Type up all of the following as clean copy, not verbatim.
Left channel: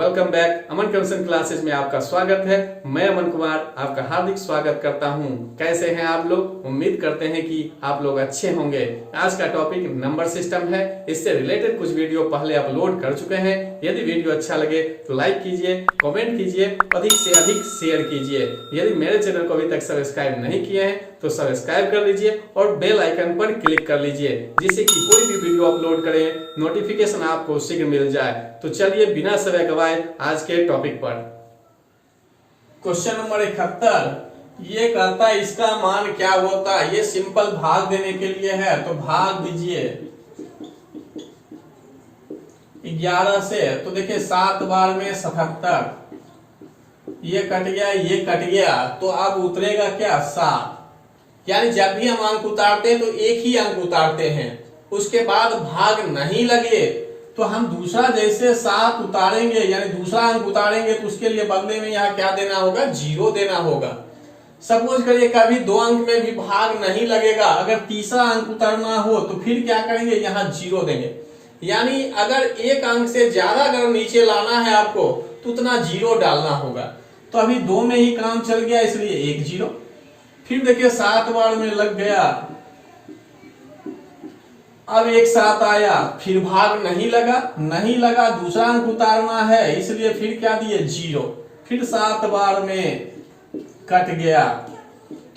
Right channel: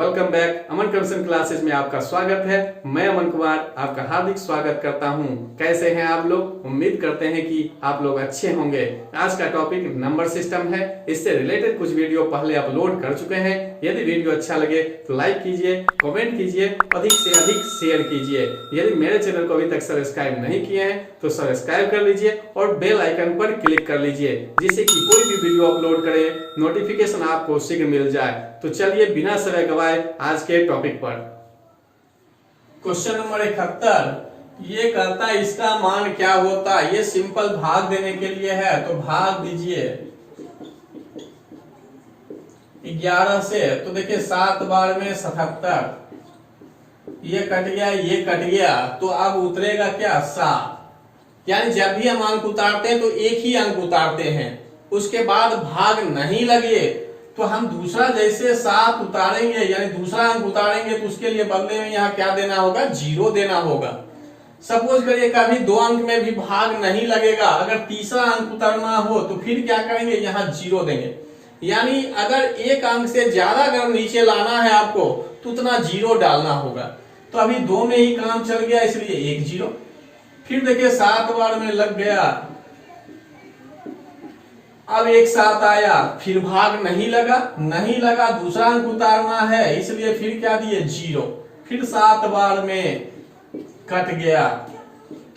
Welcome back. Aman कंसन classes में आपका स्वागत है। मैं अमन कुमार आपका हार्दिक स्वागत करता हूं। कैसे हैं आप लोग? उम्मीद करते हैं कि आप लोग अच्छे होंगे। आज का टॉपिक नंबर सिस्टम है। इससे रिलेटेड कुछ वीडियो पहले अपलोड कर चुके हैं। यदि वीडियो अच्छा लगे तो लाइक कीजिए, कमेंट कीजिए, अधिक से अधिक शेयर कीजिए। यदि मेरे चैनल को अभी तक सब्सक्राइब नहीं किए हैं तो सब्सक्राइब कर लीजिए और बेल आइकन पर क्लिक कर लीजिए, जिससे कि कोई भी वीडियो अपलोड करें नोटिफिकेशन आपको शीघ्र मिल जाए। तो चलिए बिना समय गवाए आज के टॉपिक पर। क्वेश्चन नंबर 71 ये कहता है इसका मान क्या होता है। ये सिंपल भाग देने के लिए है, तो भाग दीजिए 11 से। तो देखिए 7 बार में 77, ये कट गया, ये कट गया, तो अब उतरेगा क्या? 7। यानी जब भी हम अंक उतारते हैं तो एक ही अंक उतारते हैं, उसके बाद भाग नहीं लगे तो हम दूसरा जैसे 7 उतारेंगे यानी दूसरा अंक उतारेंगे तो उसके लिए बदले में यहाँ क्या देना होगा? 0 देना होगा। सपोज करिए कभी 2 अंक में भी भाग नहीं लगेगा, अगर तीसरा अंक उतारना हो तो फिर क्या करेंगे? यहाँ 0 देंगे। यानी अगर एक अंक से ज्यादा अगर नीचे लाना है आपको तो उतना 0 डालना होगा। तो अभी 2 में ही काम चल गया, इसलिए 1 0। फिर देखिए 7 बार में लग गया, अब एक 7 आया, फिर भाग नहीं लगा, दूसरा अंक उतारना है, इसलिए फिर क्या दिए? 0। फिर 7 बार में कट गया,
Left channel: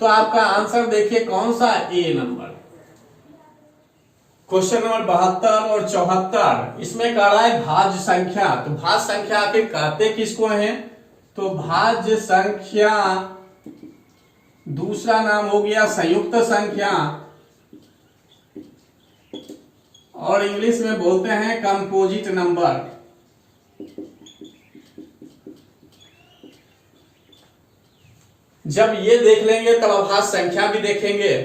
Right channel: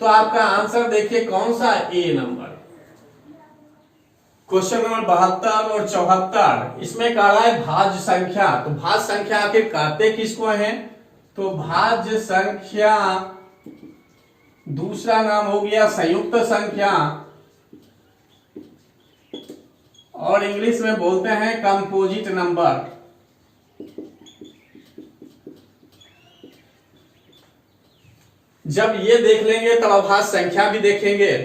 तो आपका आंसर देखिए कौन सा? ए नंबर। क्वेश्चन नंबर 72 और 74 इसमें कह रहा है भाज्य संख्या। तो भाज्य संख्या आखिर कहते किसको है? तो भाज्य संख्या दूसरा नाम हो गया संयुक्त संख्या, और इंग्लिश में बोलते हैं कंपोजिट नंबर। जब ये देख लेंगे तब अभाज्य संख्या भी देखेंगे।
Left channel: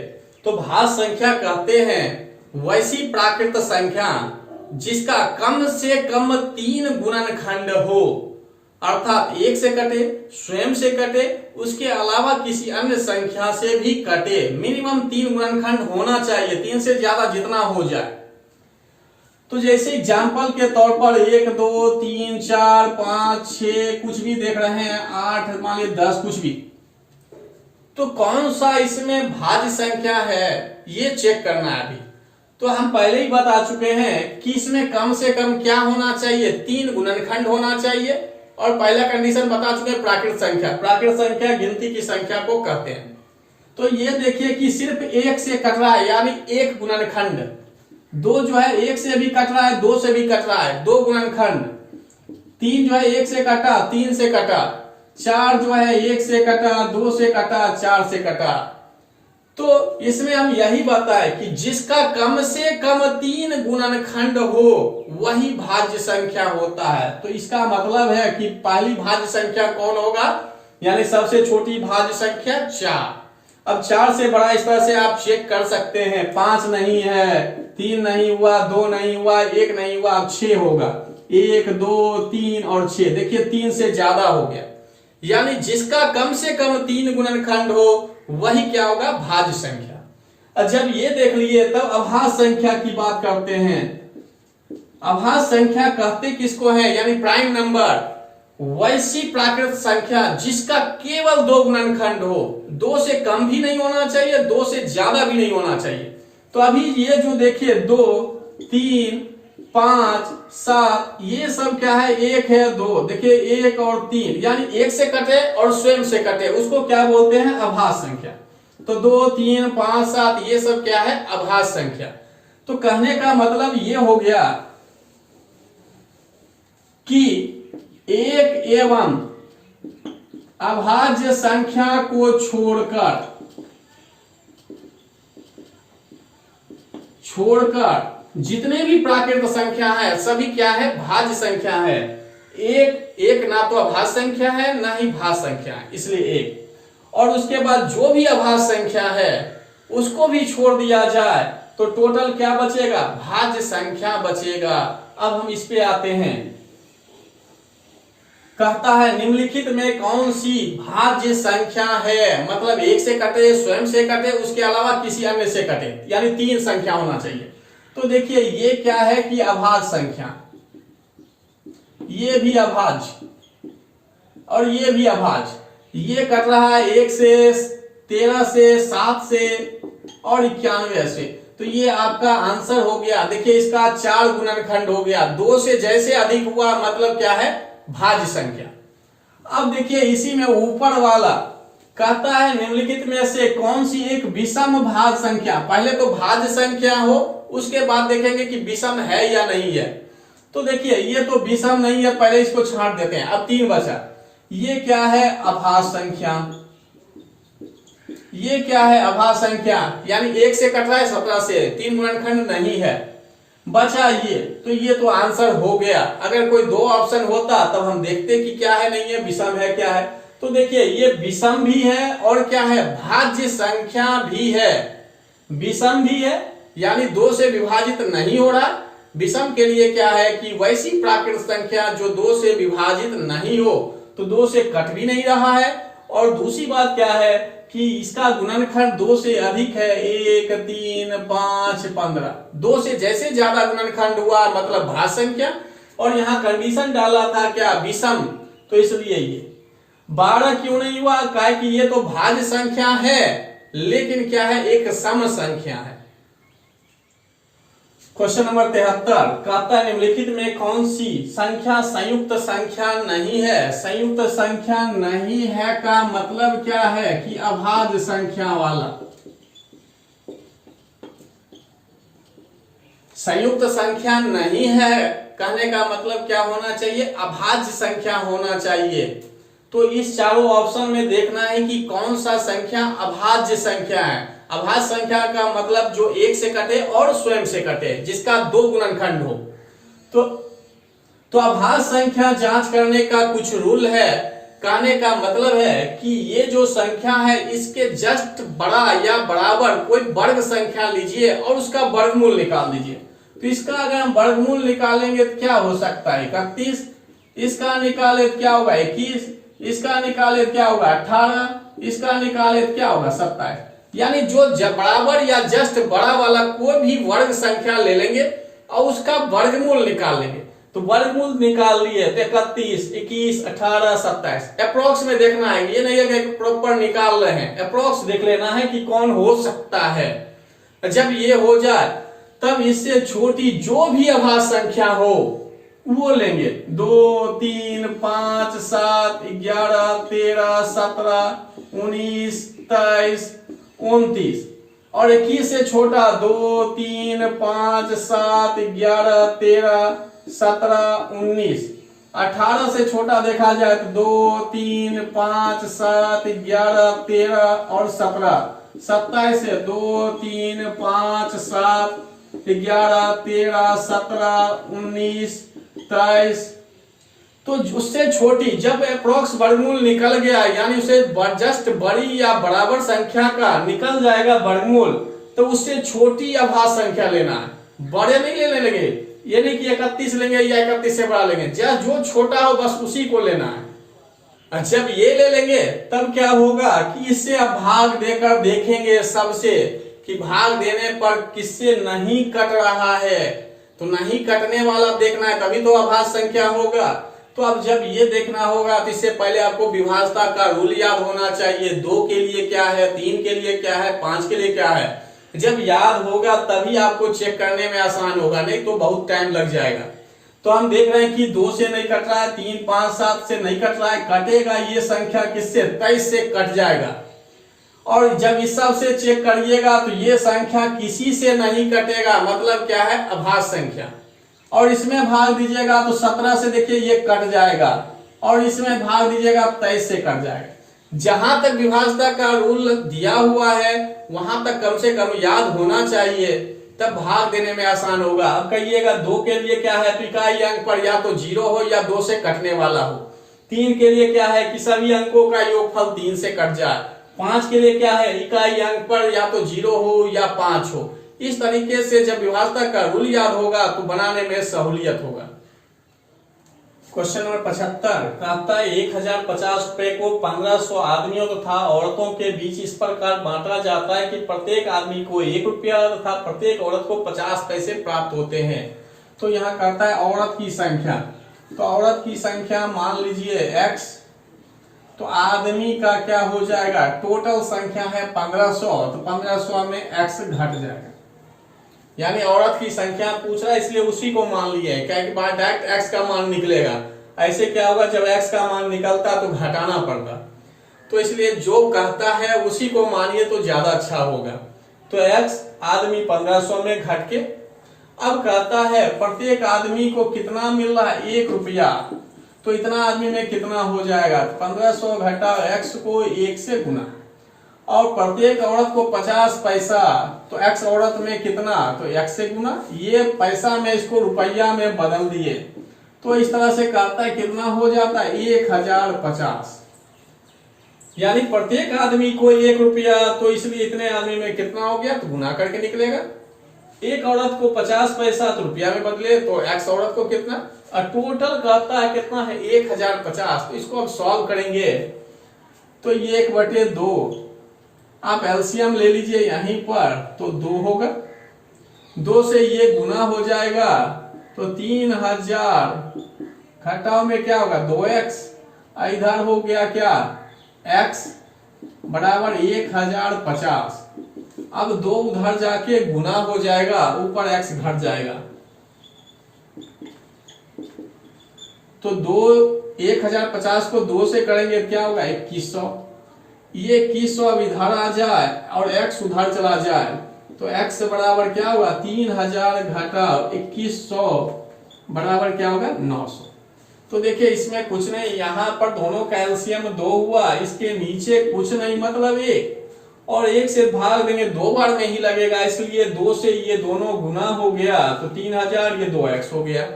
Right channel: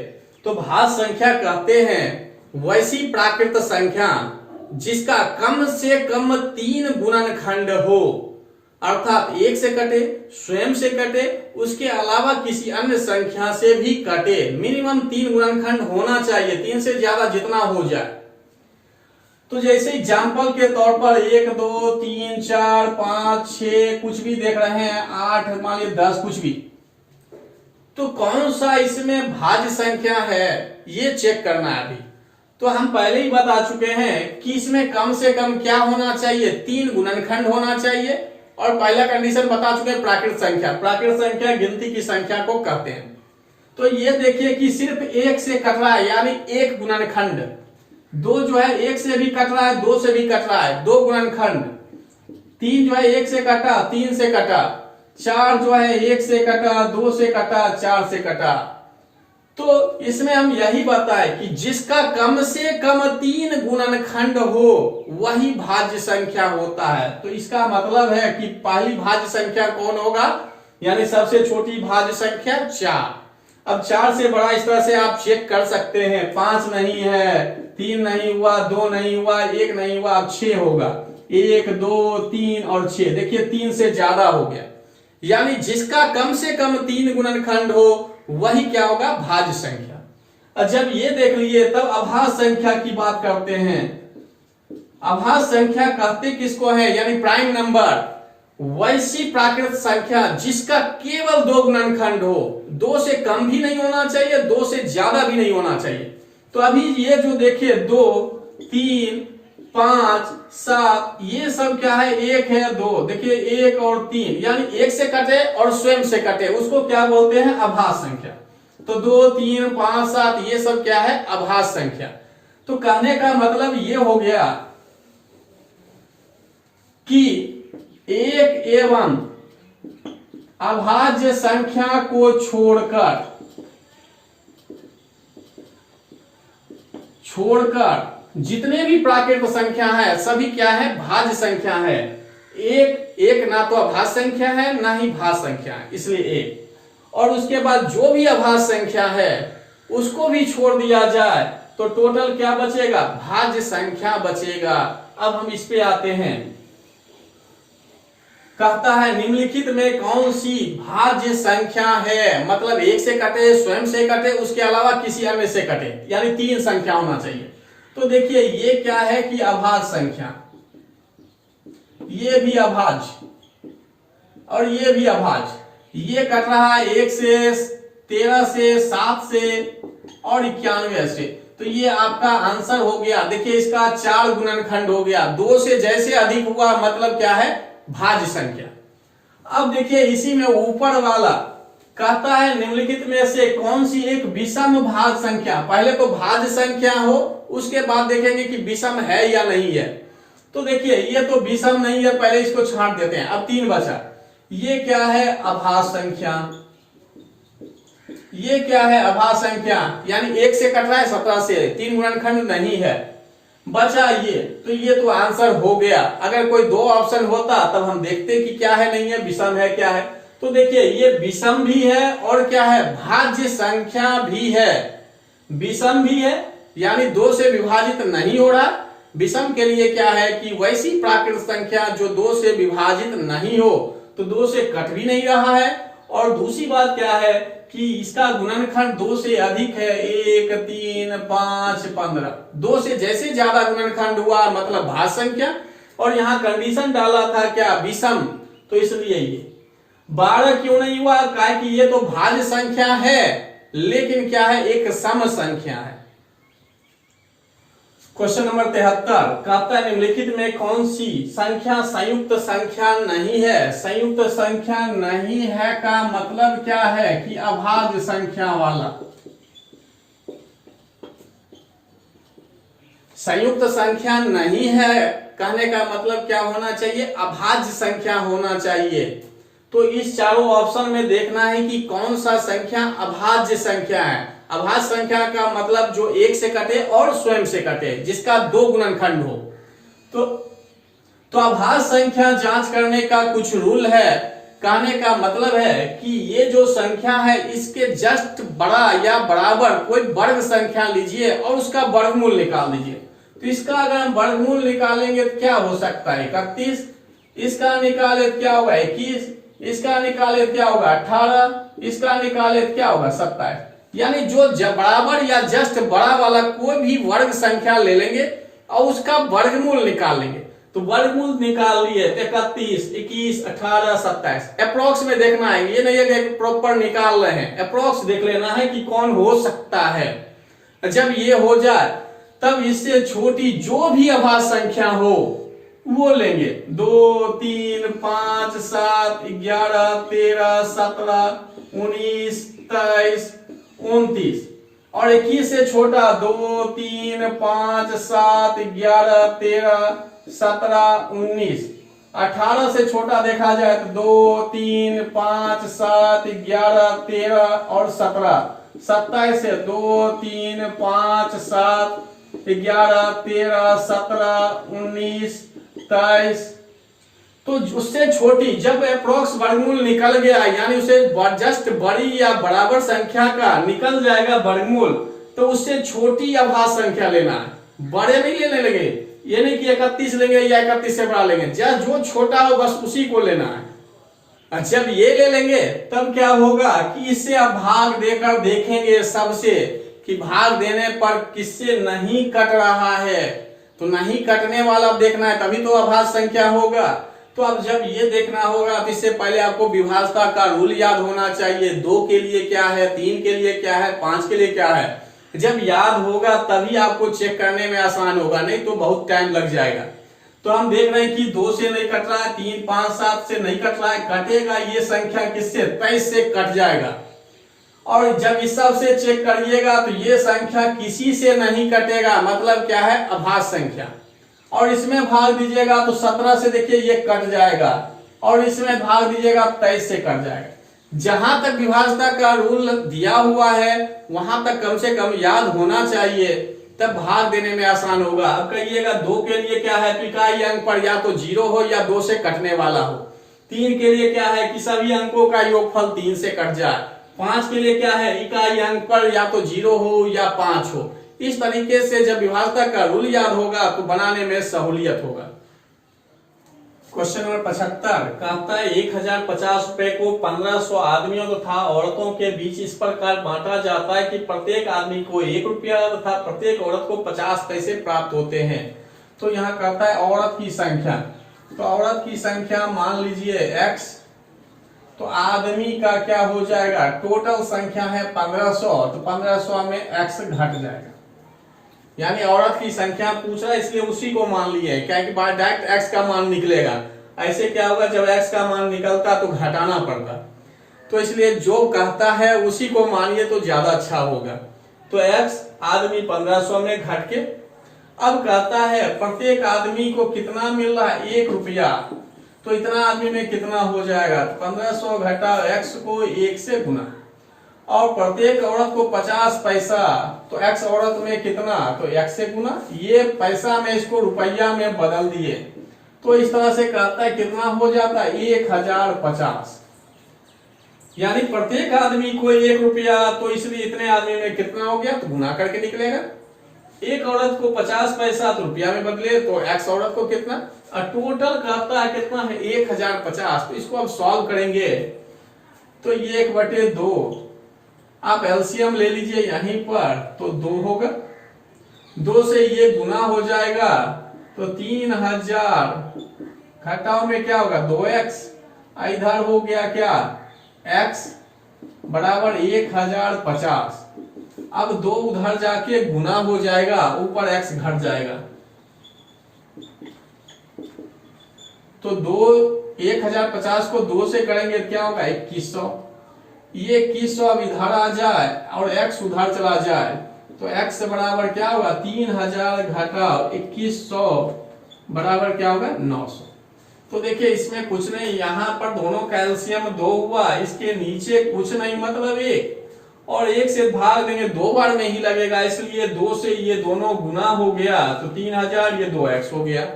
तो भाज्य संख्या कहते हैं वैसी प्राकृत संख्या जिसका कम से कम 3 गुणनखंड हो, अर्थात 1 से कटे, स्वयं से कटे, उसके अलावा किसी अन्य संख्या से भी कटे। मिनिमम 3 गुणनखंड होना चाहिए, 3 से ज्यादा जितना हो जाए। तो जैसे एग्जाम्पल के तौर पर 1 2 3 4 5 6 कुछ भी देख रहे हैं, 8 मान लीजिए 10 कुछ भी, तो कौन सा इसमें भाज्य संख्या है ये चेक करना है अभी। तो हम पहले ही बता चुके हैं कि इसमें कम से कम क्या होना चाहिए? 3 गुणनखंड होना चाहिए। और पहला कंडीशन बता चुके हैं प्राकृत संख्या। प्राकृत संख्या गिनती की संख्या को कहते हैं। तो ये देखिए कि सिर्फ 1 से कट रहा है, यानी 1 गुणनखंड। 2 जो है 1 से भी कट रहा है, 2 से भी कट रहा है, 2 गुणनखंड। 3 जो है 1 से कटा, 3 से कटा। 4 जो है 1 से कटा, 2 से कटा, 4 से कटा। तो इसमें हम यही बताए कि जिसका कम से कम 3 गुणनखंड हो वही भाज्य संख्या होता है। तो इसका मतलब है कि पहली भाज्य संख्या कौन होगा? यानी सबसे छोटी भाज्य संख्या 4। अब 4 से बड़ा इस तरह से आप चेक कर सकते हैं। 5 नहीं है, 3 नहीं हुआ, 2 नहीं हुआ, 1 नहीं हुआ, अब 6 होगा। 1 2 3 और 6, देखिए 3 से ज्यादा हो गया। यानी जिसका कम से कम 3 गुणनखंड हो वही क्या होगा? भाज्य संख्या। और जब ये देख लिए तब अभाज्य संख्या की बात करते हैं। अभाज्य संख्या कहते किसको है? यानी प्राइम नंबर वैसी प्राकृत संख्या जिसका केवल 2 गुणनखंड हो। 2 से कम भी नहीं होना चाहिए, 2 से ज्यादा भी नहीं होना चाहिए। तो अभी ये जो देखिए 2 3 5 7 ये सब क्या है? 1 है, 2, देखिए 1 और 3, यानी 1 से कटे और स्वयं से कटे, उसको क्या बोलते हैं? अभाज्य संख्या। तो 2 3 5 7 ये सब क्या है? अभाज्य संख्या। तो कहने का मतलब ये हो गया कि 1 एवं अभाज्य संख्या को छोड़कर जितने भी प्राकृत संख्या है सभी क्या है? भाज्य संख्या है। एक ना तो अभाज्य संख्या है ना ही भाज्य संख्या है, इसलिए 1। और उसके बाद जो भी अभाज्य संख्या है उसको भी छोड़ दिया जाए तो टोटल क्या बचेगा? भाज्य संख्या बचेगा। अब हम इस पे आते हैं। कहता है निम्नलिखित में कौन सी भाज्य संख्या है? मतलब 1 से कटे, स्वयं से कटे, उसके अलावा किसी अन्य से कटे, यानी 3 संख्या होना चाहिए। तो देखिए ये क्या है कि अभाज्य संख्या। ये भी अभाज्य और ये भी अभाज्य। ये कट रहा है 1 से, 13 से, 7 से और 91 से। तो ये आपका आंसर हो गया। देखिए इसका 4 गुणनखंड हो गया। 2 से जैसे अधिक हुआ मतलब क्या है, भाज्य संख्या। अब देखिए इसी में ऊपर वाला कहता है निम्नलिखित में से कौन सी एक विषम भाज्य संख्या। पहले तो भाज्य संख्या हो, उसके बाद देखेंगे कि विषम है या नहीं है। तो देखिए ये तो विषम नहीं है, पहले इसको छांट देते हैं। अब 3 बचा। ये क्या है, अभाज्य संख्या। ये क्या है, अभाज्य संख्या, यानी 1 से कट रहा है 17 से, 3 गुणनखंड नहीं है। बचा ये, तो ये तो आंसर हो गया। अगर कोई 2 ऑप्शन होता तब हम देखते कि क्या है, नहीं है, विषम है क्या है। तो देखिए ये विषम भी है और क्या है, भाज्य संख्या भी है। विषम भी है यानी 2 से विभाजित नहीं हो रहा। विषम के लिए क्या है कि वैसी प्राकृत संख्या जो 2 से विभाजित नहीं हो, तो 2 से कट भी नहीं रहा है। और दूसरी बात क्या है कि इसका गुणनखंड 2 से अधिक है, 1, 3, 5, 15। 2 से जैसे ज्यादा गुणनखंड हुआ मतलब भाज्य संख्या। और यहाँ कंडीशन डाला था क्या, विषम, तो इसलिए ये 12 क्यों नहीं हुआ, कहा कि ये तो भाज्य संख्या है लेकिन क्या है, एक सम संख्या है। क्वेश्चन नंबर 73 कहता है निम्नलिखित में कौन सी संख्या संयुक्त संख्या नहीं है। संयुक्त संख्या नहीं है का मतलब क्या है कि अभाज्य संख्या वाला। संयुक्त संख्या नहीं है कहने का मतलब क्या होना चाहिए, अभाज्य संख्या होना चाहिए। तो इस चारों ऑप्शन में देखना है कि कौन सा संख्या अभाज्य संख्या है। अभाज्य संख्या का मतलब जो 1 से कटे और स्वयं से कटे, जिसका 2 गुणनखंड हो। तो अभाज्य संख्या जांच करने का कुछ रूल है। कहने का मतलब है कि ये जो संख्या है इसके जस्ट बड़ा या बराबर कोई वर्ग संख्या लीजिए और उसका वर्गमूल निकाल दीजिए। तो इसका अगर हम वर्गमूल निकालेंगे तो क्या हो सकता है, 31। इसका निकाले तो क्या होगा, 21। इसका निकाले क्या होगा, 18। इसका निकाले क्या होगा, 27। यानी जो बराबर या जस्ट बड़ा वाला कोई भी वर्ग संख्या ले लेंगे और उसका वर्गमूल निकाल लेंगे। तो वर्गमूल निकाल लिए तो 31, 21, 18, 27। अप्रोक्स में देखना है, ये नहीं है कि प्रॉपर निकाल रहे हैं, अप्रोक्स देख लेना है कि कौन हो सकता है। जब ये हो जाए तब इससे छोटी जो भी अभाज्य संख्या हो वो लेंगे। 2, 3, 5, 7, 11, 13, 17, 19, 23, 29 और 21 से छोटा 2, 3, 5, 7, 11, 13, 17, 19। 18 से छोटा देखा जाए तो 2, 3, 5, 7, 11, 13 और 17। 27 से 2, 3, 5, 7, 11, 13, 17, 19, 23। तो उससे छोटी जब अप्रोक्स वर्गमूल निकल गया यानी उसे जस्ट बड़ी या बराबर संख्या का निकल जाएगा वर्गमूल, तो उससे छोटी अभाज्य संख्या लेना है, बड़े नहीं लेने लगे। ये नहीं कि 31 लेंगे या 31 से बड़ा लेंगे, जो छोटा हो बस उसी को लेना है। जब ये ले लेंगे तब क्या होगा कि इससे आप भाग देकर देखेंगे सबसे कि भाग देने पर किससे नहीं कट रहा है। तो नहीं कटने वाला देखना है तभी तो अभाज्य संख्या होगा। तो अब जब ये देखना होगा तो इससे पहले आपको विभाज्यता का रूल याद होना चाहिए। 2 के लिए क्या है, 3 के लिए क्या है, 5 के लिए क्या है। जब याद होगा तभी आपको चेक करने में आसान होगा, नहीं तो बहुत टाइम लग जाएगा। तो हम देख रहे हैं कि 2 से नहीं कट रहा है, 3, 5, 7 से नहीं कट रहा है, कटेगा ये संख्या किससे, 23 से कट जाएगा। और जब इस सब से चेक करिएगा तो ये संख्या किसी से नहीं कटेगा, मतलब क्या है, अभाज्य संख्या। और इसमें भाग दीजिएगा तो 17 से देखिए ये कट जाएगा और इसमें भाग दीजिएगा 23 से कट जाएगा। जहां तक विभाज्यता का रूल दिया हुआ है वहां तक कम से कम याद होना चाहिए, तब भाग देने में आसान होगा। अब कहिएगा 2 के लिए क्या है, इकाई अंक पर या तो 0 हो या 2 से कटने वाला हो। 3 के लिए क्या है कि सभी अंकों का योगफल 3 से कट जाए। 5 के लिए क्या है, इकाई अंक पर या तो 0 हो या 5 हो। इस तरीके से जब विभाज्यता का रूल याद होगा तो बनाने में सहूलियत होगा। क्वेश्चन नंबर 75 कहता है 1050 रुपए को 1500 आदमियों तथा औरतों के बीच इस प्रकार बांटा जाता है कि प्रत्येक आदमी को 1 रुपया तथा प्रत्येक औरत को 50 पैसे प्राप्त होते हैं। तो यहाँ कहता है औरत की संख्या। तो औरत की संख्या मान लीजिए x, तो आदमी का क्या हो जाएगा, टोटल संख्या है 1500, तो 1500 में x घट जाएगा। यानी औरत की संख्या पूछ रहा है इसलिए उसी को मान लिए, क्या कि डायरेक्ट x का मान निकलेगा। ऐसे क्या होगा, जब x का मान निकलता तो घटाना पड़ता, तो इसलिए जो कहता है उसी को मानिए तो ज्यादा अच्छा होगा। तो x आदमी 1500 में घट के, अब कहता है प्रत्येक आदमी को कितना मिल रहा है, 1 रुपया, तो इतना आदमी में कितना हो जाएगा, 1500 घटा x को 1 से गुना, और प्रत्येक औरत को 50 पैसा, तो x औरत में कितना, तो x से गुना, ये पैसा में इसको रुपया में बदल दिए, तो इस तरह से कहता है कितना हो जाता है, 1050। यानी प्रत्येक आदमी को 1 रुपया, तो इसलिए इतने आदमी में कितना हो गया, तो गुना करके निकलेगा। एक औरत को 50 पैसा, तो रुपया में बदले तो x औरत को कितना, और टोटल कहता है कितना है, 1050। तो इसको अब सॉल्व करेंगे तो ये 1/2, आप एलसीएम ले लीजिए यहीं पर, तो 2 होगा, 2 से ये गुना हो जाएगा, तो 3000 घटाओ में क्या होगा, 2x, इधर हो गया क्या, x बराबर 1050। अब 2 उधर जाके गुना हो जाएगा, ऊपर x घट जाएगा, तो 1050 को 2 से करेंगे क्या होगा, 2100। ये 2100 अब इधर आ जाए और x उधर चला जाए, तो x बराबर क्या होगा, 3000 घटाओ 2100 बराबर क्या होगा, 900। तो देखिए इसमें कुछ नहीं, यहाँ पर दोनों कैल्शियम 2 हुआ, इसके नीचे कुछ नहीं मतलब 1, और 1 से भाग देंगे 2 बार में ही लगेगा, इसलिए 2 से ये दोनों गुना हो गया, तो 3000, ये 2x हो गया।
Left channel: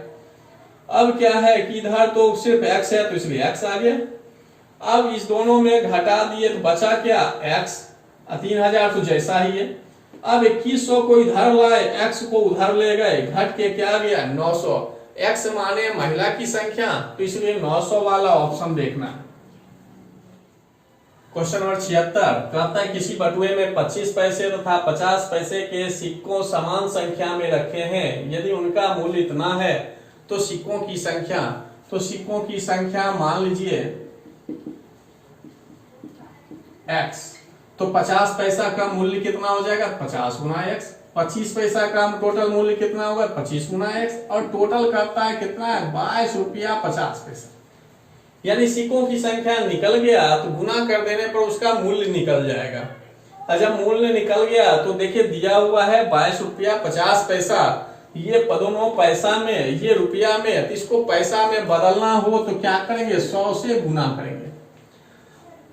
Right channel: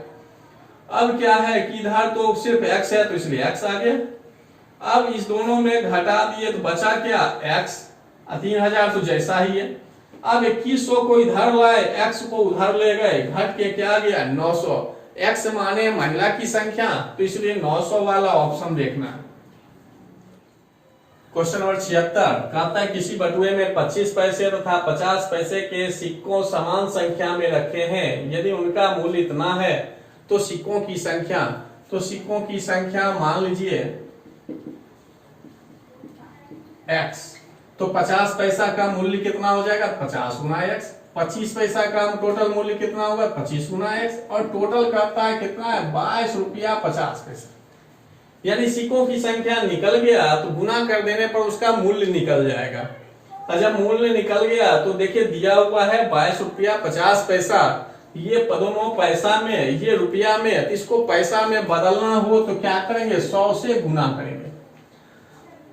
अब क्या है कि इधर तो सिर्फ x है, तो इसलिए x आ गया। अब इस दोनों में घटा दिए तो बचा क्या, x, 3000 तो जैसा ही है। अब 2100 को इधर लाए, x को उधर ले गए, घट के क्या गया, 900। x माने महिला की संख्या, तो इसलिए 900 वाला ऑप्शन देखना है। क्वेश्चन नंबर 76 कहता है किसी बटुए में 25 पैसे तथा 50 पैसे के सिक्कों समान संख्या में रखे हैं, यदि उनका मूल्य इतना है तो सिक्कों की संख्या, तो सिक्कों की संख्या मान लीजिए x, तो 50 पैसा का मूल्य कितना हो जाएगा, 50 गुना x, 25 पैसा का टोटल मूल्य कितना होगा, 25 गुना x, और टोटल करता है कितना है, 22 रुपया 50 पैसा। यानी सिक्कों की संख्या निकल गया तो गुना कर देने पर उसका मूल्य निकल जाएगा, और जब मूल्य निकल गया तो देखिए दिया हुआ है 22 रुपया 50 पैसा, ये दोनों पैसा में, ये रुपया में, तो इसको पैसा में बदलना हो तो क्या करेंगे, 100 से गुना करेंगे।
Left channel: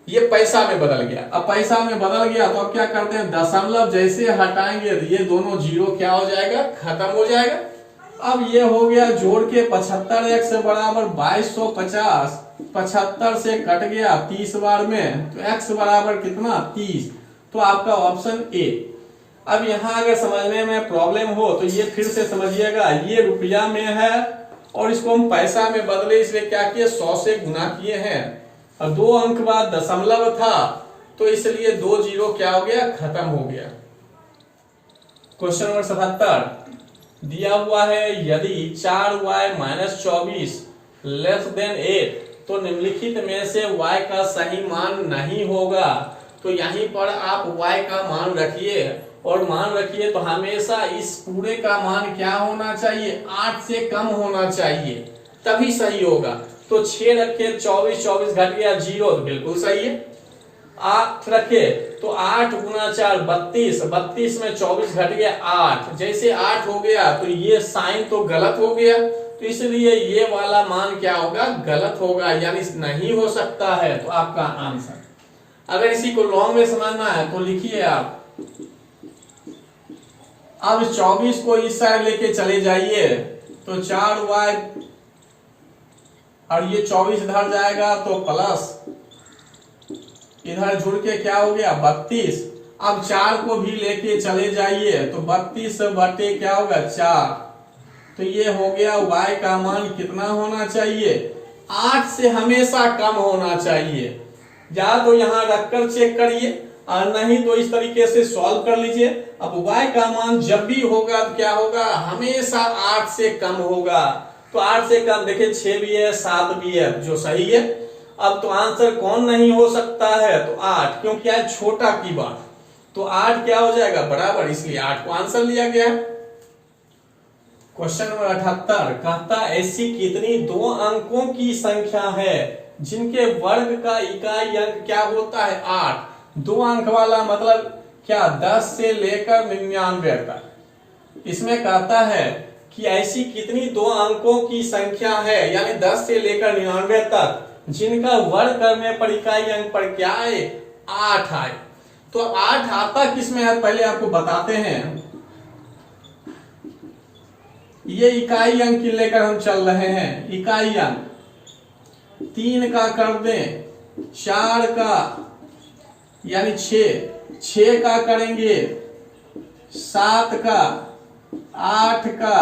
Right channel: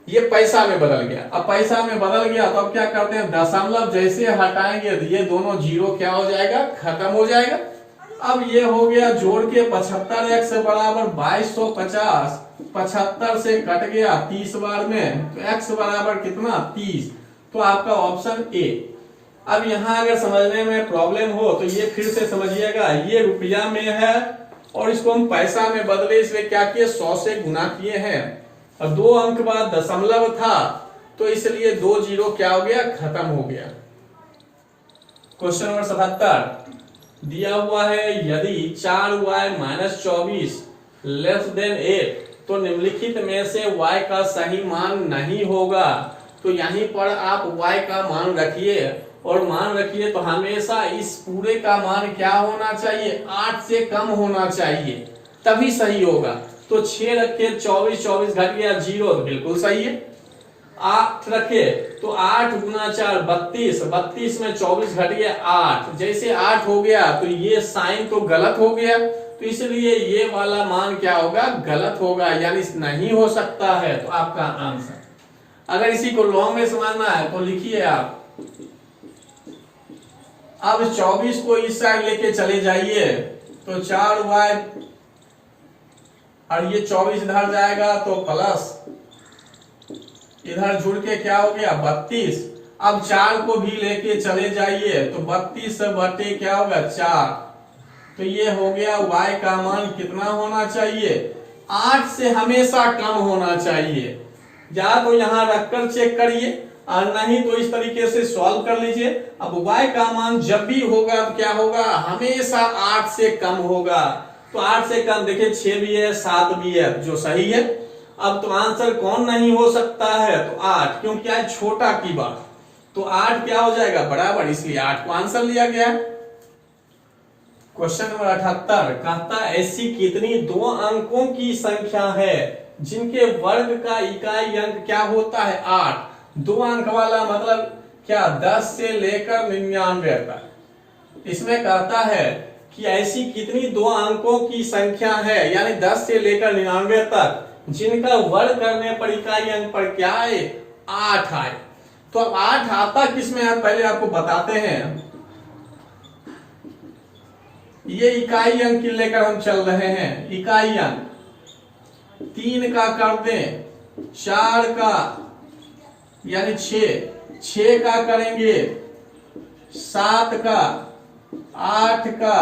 ये पैसा में बदल गया, अब पैसा में बदल गया तो अब क्या करते हैं, दशमलव जैसे हटाएंगे तो ये दोनों जीरो क्या हो जाएगा, खत्म हो जाएगा। अब ये हो गया जोड़ के 75x बराबर 2250, 75 से कट गया 30 बार में, तो x बराबर कितना, 30, तो आपका ऑप्शन ए। अब यहाँ अगर समझने में प्रॉब्लम हो तो ये फिर से समझिएगा, ये रुपया में है और इसको हम पैसा में बदले, इसलिए क्या किए, 100 से गुना किए हैं, और 2 अंक बाद दशमलव था तो इसलिए 2 जीरो क्या हो गया, खत्म हो गया। क्वेश्चन नंबर 77 दिया हुआ है यदि 4y - 24 लेस देन 8 तो निम्नलिखित में से y का सही मान नहीं होगा। तो यहीं पर आप y का मान रखिए, और मान रखिए तो हमेशा इस पूरे का मान क्या होना चाहिए, 8 से कम होना चाहिए, तभी सही होगा। तो 6 रखे, 24, 24 घट गया 0, तो बिल्कुल सही है। 8 रखे तो 8 गुना 4 32, 32 में 24 घट गया 8, जैसे 8 हो गया तो ये साइन तो गलत हो गया, तो इसलिए ये वाला मान क्या होगा, गलत होगा, यानी नहीं हो सकता है, तो आपका आंसर। अगर इसी को लॉन्ग में समझना है तो लिखिए आप, अब 24 को इस साइड लेके चले जाइए तो 4y, और ये 24 इधर जाएगा तो प्लस, इधर जुड़ के क्या हो गया 32। अब 4 को भी लेके चले जाइए तो 32 बटे क्या होगा 4, तो ये हो गया y का मान कितना होना चाहिए, 8 से हमेशा कम होना चाहिए। या तो यहाँ रखकर चेक करिए, और नहीं तो इस तरीके से सॉल्व कर लीजिए। अब y का मान जब भी होगा तो क्या होगा, हमेशा 8 से कम होगा। तो 8 से कम देखिए 6 भी है 7 भी है जो सही है। अब तो आंसर कौन नहीं हो सकता है, तो 8, क्योंकि क्या है छोटा की बात, तो 8 क्या हो जाएगा बराबर, इसलिए 8 को आंसर लिया गया है। क्वेश्चन नंबर 78 कहता है ऐसी कितनी 2 अंकों की संख्या है जिनके वर्ग का इकाई अंक क्या होता है 8। 2 अंक वाला मतलब क्या 10 से लेकर 99 तक। इसमें कहता है कि ऐसी कितनी 2 अंकों की संख्या है यानी 10 से लेकर 99 तक जिनका वर्ग करने पर इकाई अंक पर क्या है 8 आए। तो अब 8 आता किसमें है पहले आपको बताते हैं। ये इकाई अंक लेकर हम चल रहे हैं, इकाई अंक 3 का कर दें, 4 का यानी 6 का करेंगे, 7 का, 8 का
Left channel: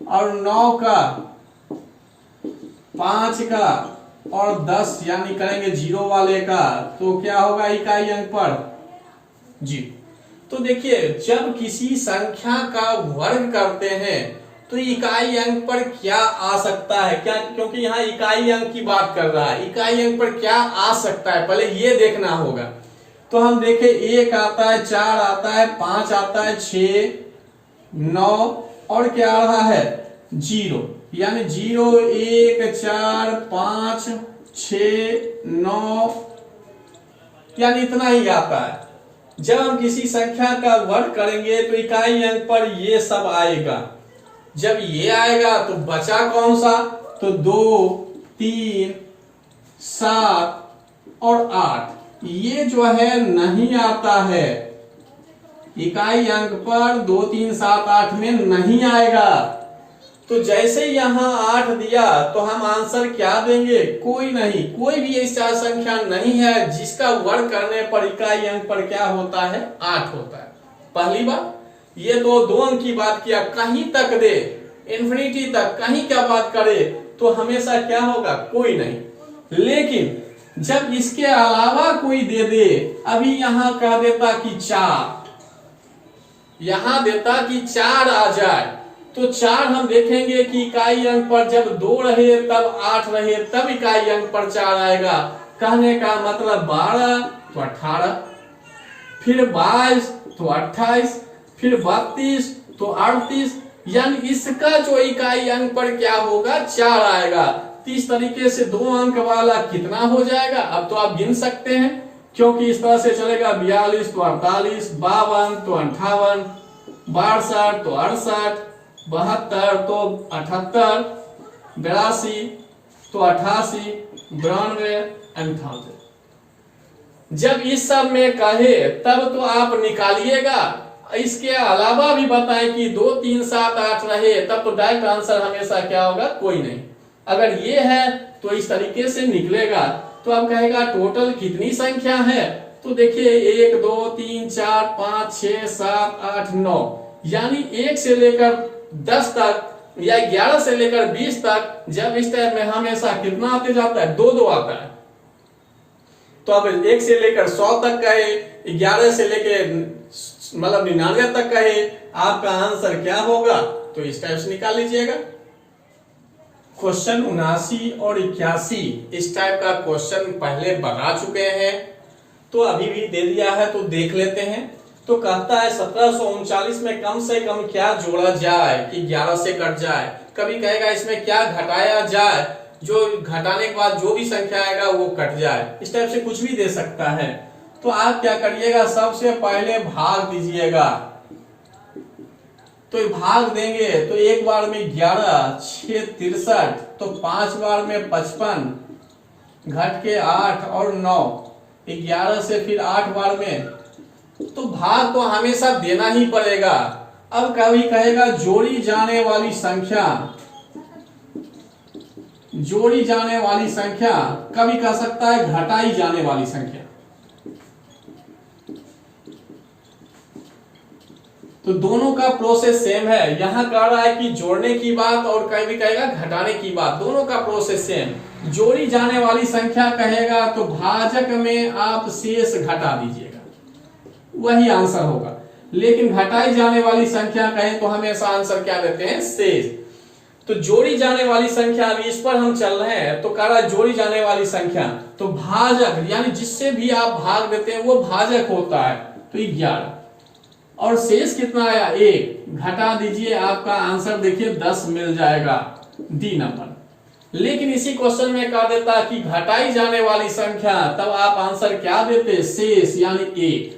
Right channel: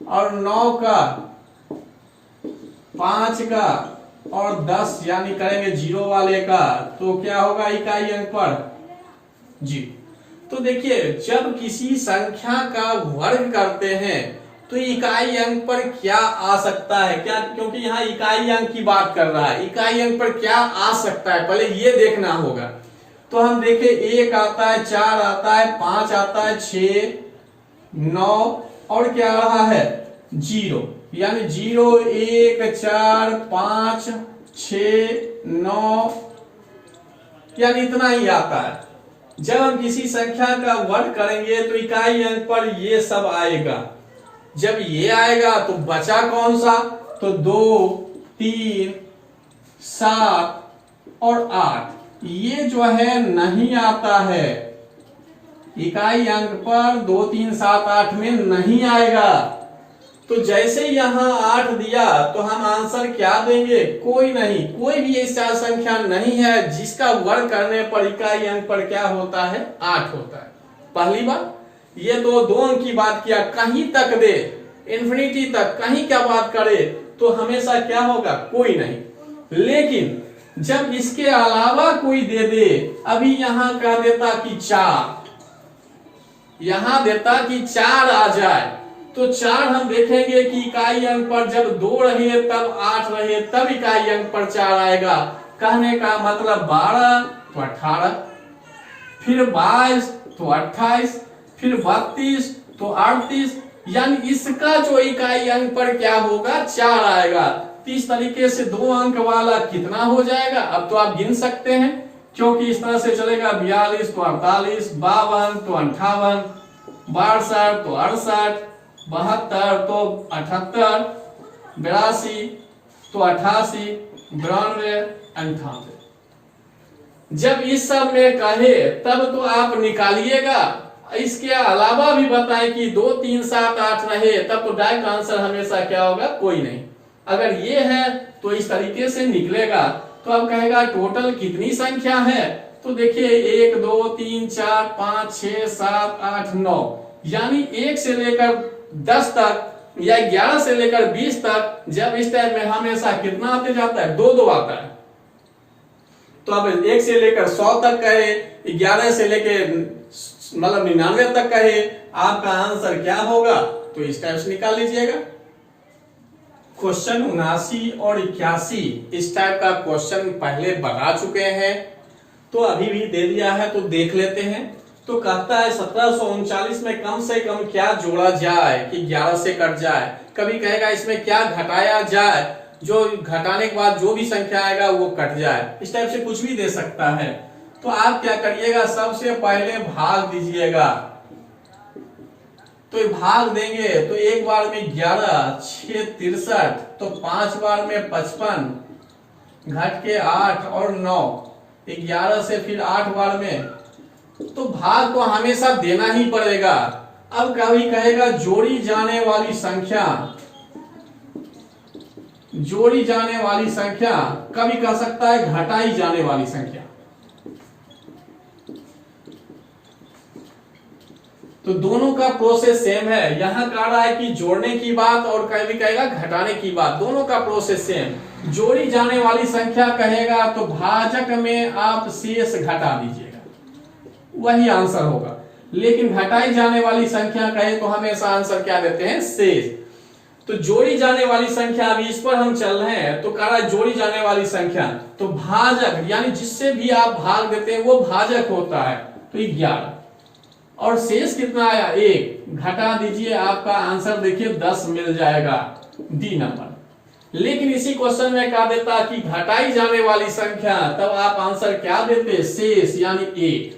और 9 का, 5 का और 10 यानी करेंगे 0 वाले का, तो क्या होगा इकाई अंक पर जी। तो देखिए जब किसी संख्या का वर्ग करते हैं तो इकाई अंक पर क्या आ सकता है, क्या, क्योंकि यहाँ इकाई अंक की बात कर रहा है, इकाई अंक पर क्या आ सकता है पहले ये देखना होगा। तो हम देखें 1 आता है, 4 आता है, 5 आता है, 6, 9 और क्या आ रहा है 0, यानी 0, 1, 4, 5, 6, 9 यानी इतना ही आता है। जब हम किसी संख्या का वर्ग करेंगे तो इकाई अंक पर ये सब आएगा। जब ये आएगा तो बचा कौन सा, तो 2, 3, 7 और 8 ये जो है नहीं आता है इकाई अंक पर, 2, 3, 7, 8 में नहीं आएगा। तो जैसे यहां 8 दिया तो हम आंसर क्या देंगे, कोई नहीं, कोई भी ऐसा संख्या नहीं है जिसका वर्ग करने पर इकाई अंक पर क्या होता है 8 होता है। पहली बात ये तो 2 अंक की बात किया, कहीं तक दे इन्फिनिटी तक कहीं क्या बात करे तो हमेशा क्या होगा कोई नहीं। लेकिन जब इसके अलावा कोई दे दे, अभी यहां कह देता कि 4, यहां देता कि 4 आ जाए तो 4 हम देखेंगे कि इकाई अंक पर जब 2 रहे तब 8 रहे तब इकाई अंक पर 4 आएगा। कहने का मतलब 12 तो 18, फिर 22 तो 28, फिर 32 तो 38, यानी इसका जो इकाई अंक पर क्या होगा 4 आएगा। तो इस तरीके से 2 अंक वाला कितना हो जाएगा, अब तो आप गिन सकते हैं क्योंकि इस तरह से चलेगा 42 तो 48, 52 तो 58, 62 तो 68, 72 तो 78, 82 तो 88, 92, 98। जब इस सब में कहे तब तो आप निकालिएगा। इसके अलावा भी बताएं कि 2, 3, 7, 8 रहे तब तो डायरेक्ट आंसर हमेशा क्या होगा कोई नहीं। अगर ये है तो इस तरीके से निकलेगा। तो अब कहेगा टोटल कितनी संख्या है, तो देखिए 1, 2, 3, 4, 5, 6, 7, 8, 9 यानी 1 से लेकर 10 तक या 11 से लेकर 20 तक जब इस टाइम में हमेशा कितना आते जाता है 2 2 आता है। तो अब 1 से लेकर 100 तक का है, 11 से लेकर मतलब 99 तक का है, आपका आंसर क्या होगा, तो इस टाइप से निकाल लीजिएगा। क्वेश्चन 79 और 81 इस टाइप का क्वेश्चन पहले बना चुके हैं, तो अभी भी दे दिया है तो देख लेते हैं। तो कहता है 1739 में कम से कम क्या जोड़ा जाए कि 11 से कट जाए। कभी कहेगा इसमें क्या घटाया जाए, जो घटाने के बाद जो भी संख्या आएगा वो कट जाए, इस टाइप से कुछ भी दे सकता है। तो आप क्या करिएगा, सबसे पहले भाग दीजिएगा। तो भाग देंगे तो एक बार में 11, 6 63, तो 5 बार में 55, घट के 8 और 9, 11 से फिर 8 बार में, तो भाग तो हमेशा देना ही पड़ेगा। अब कभी कहेगा जोड़ी जाने वाली संख्या, जोड़ी जाने वाली संख्या, कभी कह सकता है घटाई जाने वाली संख्या। तो दोनों का प्रोसेस सेम है। यहां कह रहा है कि जोड़ने की बात और कभी कहेगा घटाने की बात, दोनों का प्रोसेस सेम। जोड़ी जाने वाली संख्या कहेगा तो भाजक में आप शेष घटा दीजिएगा, वही आंसर होगा। लेकिन घटाई जाने वाली संख्या कहे तो हमेशा आंसर क्या देते हैं शेष। तो जोड़ी जाने वाली संख्या, अभी इस पर हम चल रहे हैं, तो कह रहा है जोड़ी जाने वाली संख्या, तो भाजक यानी जिससे भी आप भाग देते हैं वो भाजक होता है, तो 11। और शेष कितना आया 1, घटा दीजिए, आपका आंसर देखिए 10 मिल जाएगा, डी नंबर। लेकिन इसी क्वेश्चन में कहा देता कि घटाई जाने वाली संख्या, तब आप आंसर क्या देते, शेष यानी 1।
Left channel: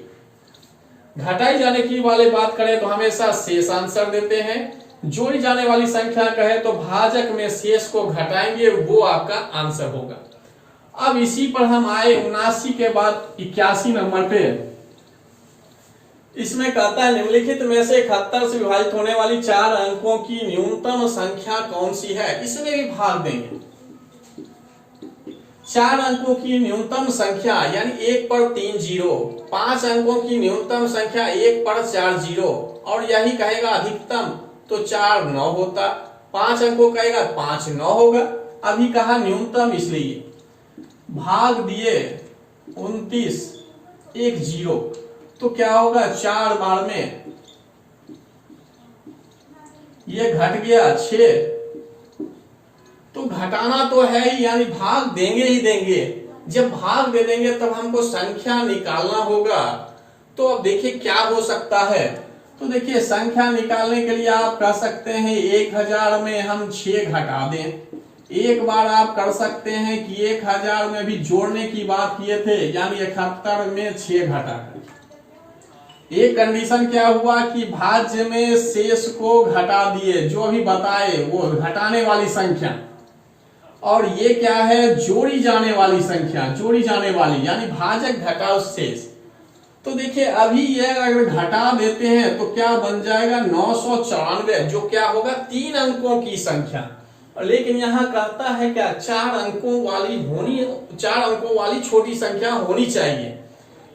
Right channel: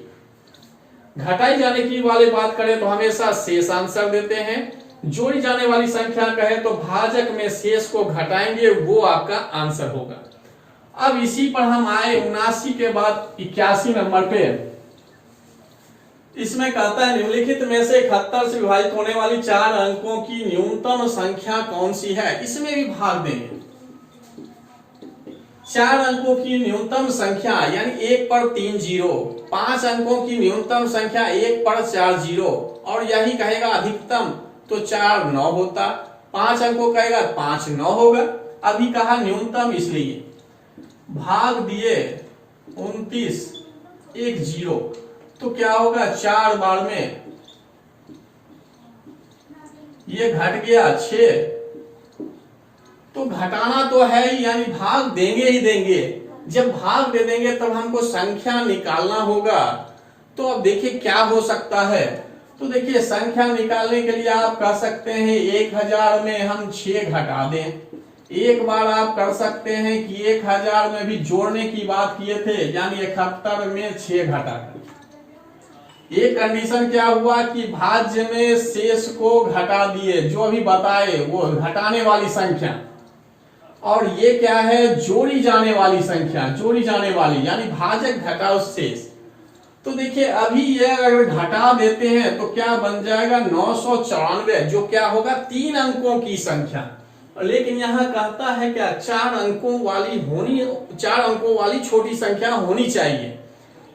घटाई जाने की वाले बात करें तो हमेशा शेष आंसर देते हैं, जोड़ी जाने वाली संख्या कहे तो भाजक में शेष को घटाएंगे, वो आपका आंसर होगा। अब इसी पर हम आए 79 के बाद 81 नंबर पे। इसमें कहता है निम्नलिखित में से 71 से विभाजित होने वाली 4 अंकों की न्यूनतम संख्या कौन सी है। इसमें भी भाग देंगे। 4 अंकों की न्यूनतम संख्या यानी 1 पर 3 जीरो, 5 अंकों की न्यूनतम संख्या 1 पर 4 जीरो, और यही कहेगा अधिकतम तो 4 9 होता, 5 अंकों कहेगा 5 9 होगा। अभी कहा न्यूनतम, इसलिए भाग दिए 29 1 0, तो क्या होगा 4 बार में ये घट गया 6, तो घटाना तो है ही, यानी भाग देंगे ही देंगे। जब भाग दे देंगे तब हमको संख्या निकालना होगा। तो अब देखिए क्या हो सकता है, तो देखिए संख्या निकालने के लिए आप कह सकते हैं 1000 में हम 6 घटा दें। एक बार आप कर सकते हैं कि 1000 में भी जोड़ने की बात किए थे, यानी 71 में 6 घटा। एक कंडीशन क्या हुआ कि भाज्य में शेष को घटा दिए, जो अभी बताए वो घटाने वाली संख्या, और ये क्या है जोड़ी जाने वाली संख्या, जोड़ी जाने वाली यानी भाजक घटाओ शेष। तो देखिए अभी ये अगर घटा देते हैं तो क्या बन जाएगा 994, जो क्या होगा 3 अंकों की संख्या। लेकिन यहाँ कहता है क्या 4 अंकों वाली छोटी संख्या होनी चाहिए।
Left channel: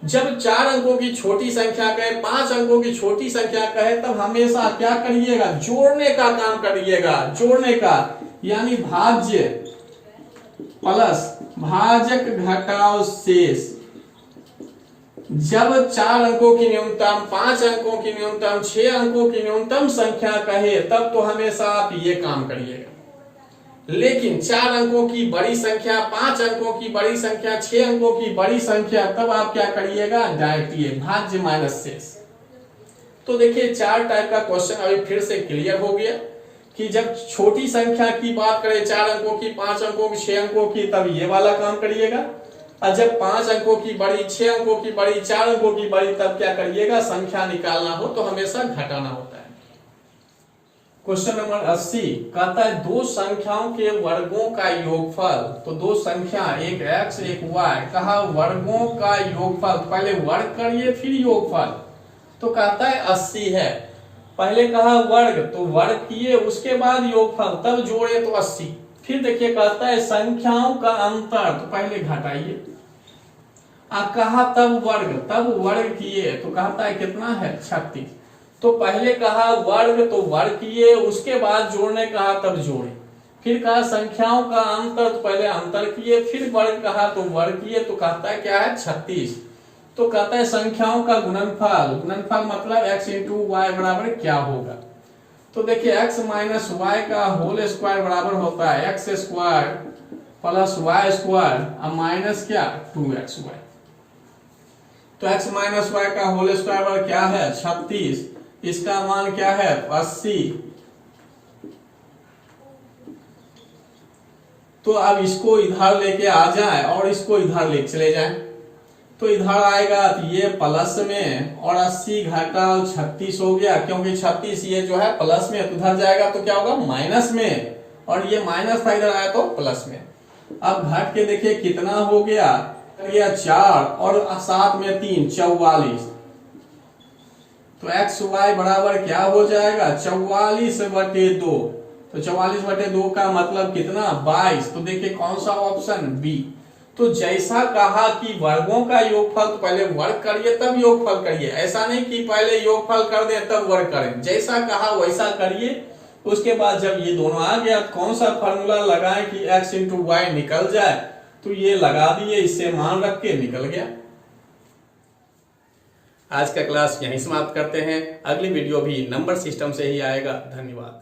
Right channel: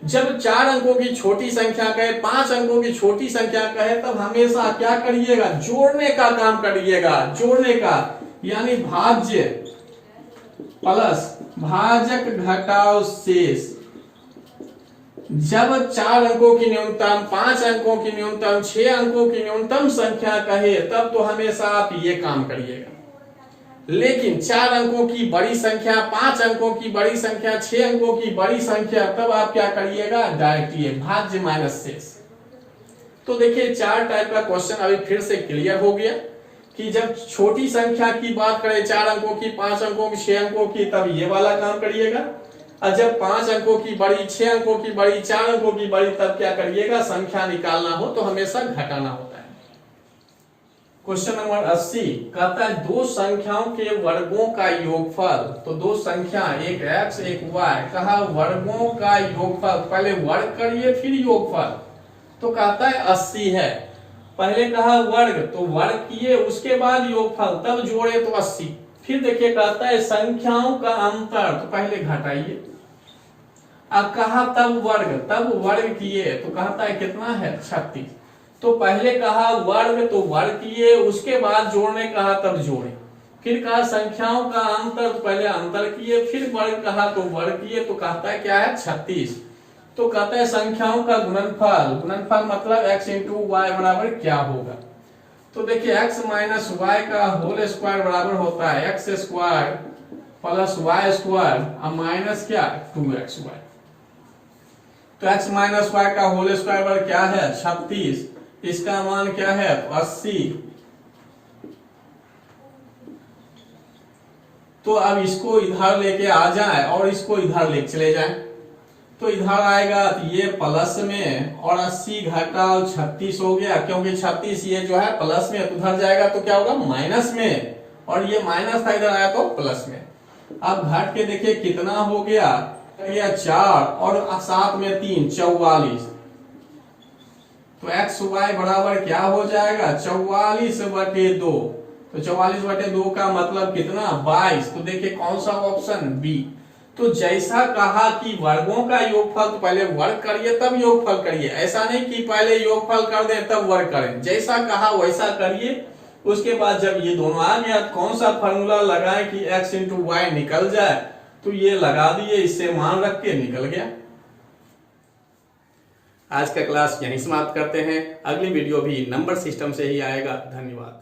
जब 4 अंकों की छोटी संख्या कहे, 5 अंकों की छोटी संख्या कहे, तब हमेशा क्या करिएगा, जोड़ने का काम करिएगा, जोड़ने का, यानी भाज्य प्लस भाजक घटाओ शेष। जब 4 अंकों की न्यूनतम, 5 अंकों की न्यूनतम, 6 अंकों की न्यूनतम संख्या कहे, तब तो हमेशा आप ये काम करिएगा। लेकिन 4 अंकों की बड़ी संख्या, 5 अंकों की बड़ी संख्या, 6 अंकों की बड़ी संख्या, तब आप क्या करिएगा, डायरेक्ट ये भाज्य माइनस शेष। तो देखिए 4 टाइप का क्वेश्चन अभी फिर से क्लियर हो गया कि जब छोटी संख्या की बात करें, 4 अंकों की, 5 अंकों की, 6 अंकों की, तब ये वाला काम करिएगा। और जब 5 अंकों की बड़ी, 6 अंकों की बड़ी, 4 अंकों की बड़ी, तब क्या करिएगा, संख्या निकालना हो तो हमेशा घटाना होता है। क्वेश्चन नंबर 80 कहता है 2 संख्याओं के वर्गों का योगफल। तो 2 संख्या, एक x एक y, कहा वर्गों का योगफल, पहले वर्ग करिए फिर योगफल। तो कहता है 80 है, पहले कहा वर्ग, तो वर्ग किए, उसके बाद योगफल, तब जोड़े तो 80। फिर देखिए कहता है संख्याओं का अंतर, तो पहले घटाइए, अब कहा तब वर्ग किए, तो कहता है कितना है 36। तो पहले कहा वर्ग, तो वर्ग किए, उसके बाद जोड़ने कहा तब जोड़े। फिर कहा संख्याओं का अंतर, तो पहले अंतर किए, फिर वर्ग कहा तो वर्ग किए, तो कहता है क्या है 36। तो कहता है संख्याओं का गुणनफल मतलब x इंटू वाई बराबर क्या होगा। तो देखिए x माइनस वाई का होल स्क्वायर बराबर होता है x square plus y square, अब माइनस क्या 2xy। तो x माइनस वाई का होल स्क्वायर बराबर क्या है 36, इसका मान क्या है 80। तो अब इसको इधर लेके आ जाए और इसको इधर लेके चले जाए, तो इधर आएगा तो ये प्लस में, और 80 घटा 36 हो गया, क्योंकि 36 ये जो है प्लस में, तो उधर जाएगा तो क्या होगा माइनस में, और ये माइनस था इधर आया तो प्लस में। अब घट के देखिए कितना हो गया, 4 और 7 में 3 44। तो एक्स वाई बराबर क्या हो जाएगा 44/2। तो 44/2 का मतलब कितना 22। तो देखिए कौन सा ऑप्शन बी। तो जैसा कहा कि वर्गों का योगफल, तो पहले वर्ग करिए तब योगफल करिए, ऐसा नहीं कि पहले योगफल कर दें तब वर्ग करें। जैसा कहा वैसा करिए, उसके बाद जब ये दोनों आ गया कौन सा फॉर्मूला लगाएं कि x इंटू वाई निकल जाए, तो ये लगा दिए, इससे मान रख के निकल गया। आज का क्लास यहीं समाप्त करते हैं, अगली वीडियो भी नंबर सिस्टम से ही आएगा। धन्यवाद।